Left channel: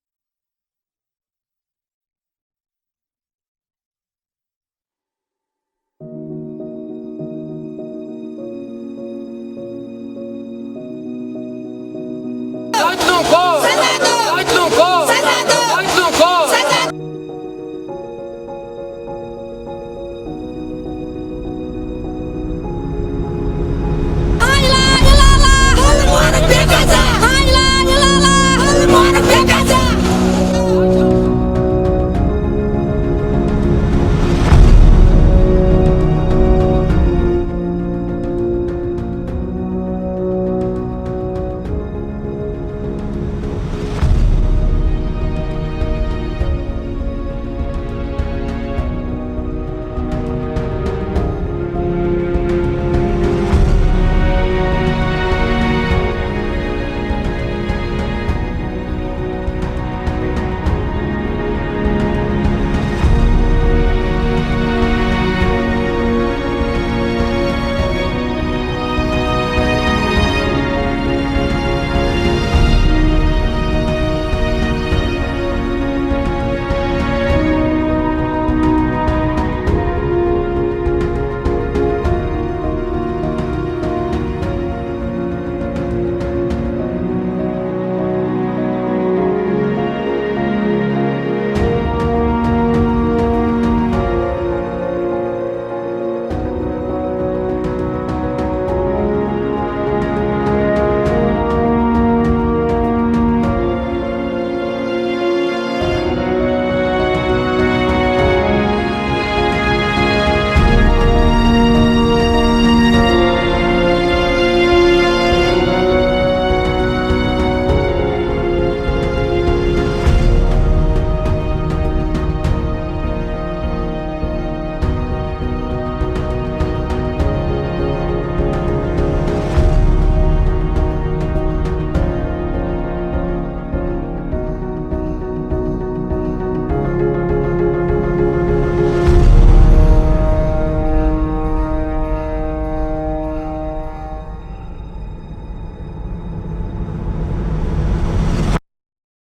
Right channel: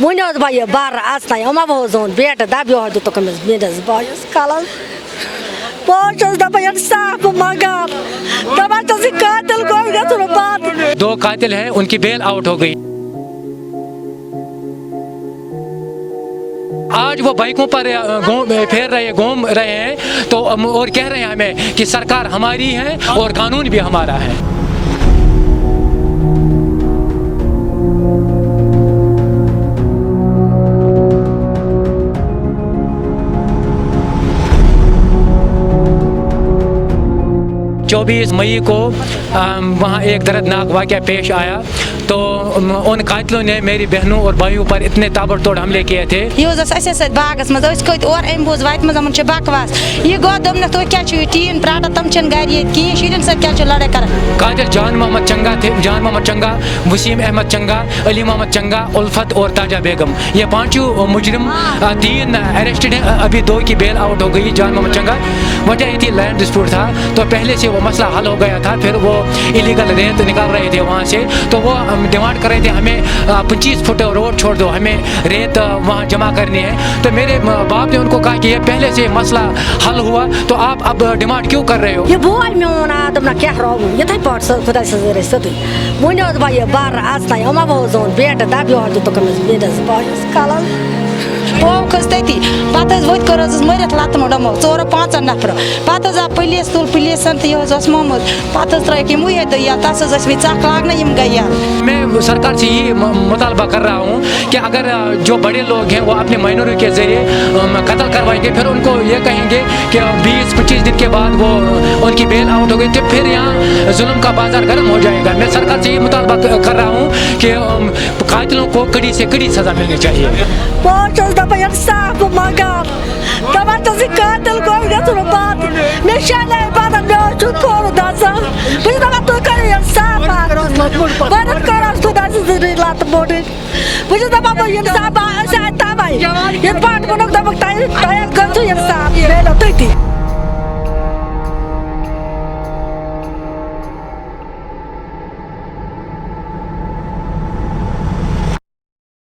ونیو بہ یہ بر اژناے یِمو بہ زون بیٹہٕ دبیو دِتُکھ أمِس میٲنِس بٲیِس کَلَس بہٕ چھَس دَپان اِنصاف منٛگان دَپان چھَس یہِ قٲتِل گوٚو گژھُن بنٛد 2 قاتل ہیں ان کی بیل آؤٹ ہو گئی آج وہ بائکوں پر پھیر رہے گھوم رہے ہیں تو اور کہہ رہے ہیں ہمیں کہ سرکار ہماری ہے اور قانون بھی ہمارا ہے چوبیس مئی کو وہاں ایک دردناک واقعہ پیش آیا تو ان قاتلوں نے میری بہنوں اور بھائیوں پر اتنے تابڑ توڑ حملے کیے تھے یہ باغس مز کت اور ام بوز وت مز چھ بکواس یہ گو دم تھی کیا ٹین پراٹا تم چھ گھر یہ کہین شرین سر کیا لڑائی کر قاتل جان محمد چنگا تھے جان محمد چنگا وسیم احمد چنگا علی محمد چنگا الفت اور تاجہ بیگم یہ 5 مجرم 3 اریسٹڈ ہیں ابھی 2 کی بیل آؤٹ ہو گئی جان محمد چنگا وجہ یہ تھی لینڈ ڈسپیوٹ تھا تو پہلے سے وہ مسئلہ حل ہو گیا تھا پھر وہ ایلیگل ریت نکال رہے تھے وہاں سے تو وہ ڈیمانڈ کر رہے تھے ہمیں 25 فٹ روڈ چھوڑ دو ہمیں ریت وہاں جمع کرنی ہے تو میرے باپ نے ان کو کہا کہ یہ پہلے سے مسئلہ حل ہوا تو آپ اب ڈیمانڈ کیوں کر رہے ہو یہ بوے میون دپنا کیا رو یتھے پٲٹھۍ خۄداے سٕنٛز سیٚودُے ونیو بہ یہ بر اژناے یِمو بہ زون بیٹہٕ دبیو دِتُکھ أمِس میٲنِس بٲیِس کَلَس وہ کھس تتی پتہ وت کر مرت لتمو ڈمو 4-5 نفر پتہ آو پولیس تل پولیسن تو یہ مومت پتہ ترک یہ دیا تس ثق لاگنا گئی میں سرکار سے یہ مطالبہ کر رہا ہوں کہ اگر جو بڑے لوگ ہیں وہ اپنے مائنروں کے ذریعے قتل کروائیں گے پھر ان کو یہ کہیں گے کہ 20-25 دن کے بعد وہ ان کی بیل آؤٹ ہو گئی تو پھر یہاں ظلم کا بازار گرم ہو جائے گا میں سرکار سے یہ مطالبہ کر رہا ہوں کہ قاتلوں کو کڑی سے کڑی سزا ملنی چاہیے دپان اِنصاف منٛگان دپان چھَس یہِ قٲتِل گوٚو گژھُن بنٛد مےٚ شیٚنے بدل مےٚ چھُ کھوٚر دَزان بہٕ چھَس دپان تُہۍ کٔرِو اِنصاف بہٕ کَرس خۄدا سٕنٛزٕے لَتہٕ موٚنٛڈٕنۍ بہٕ چھَس دپان بہٕ اِنصاف أسۍ آے تَوَے یِتھ پٲٹھۍ ووٚنُکھ دوٚپُکھ تۄہہِ گٔژھِو اِنصاف یہِ میلیو تٔتی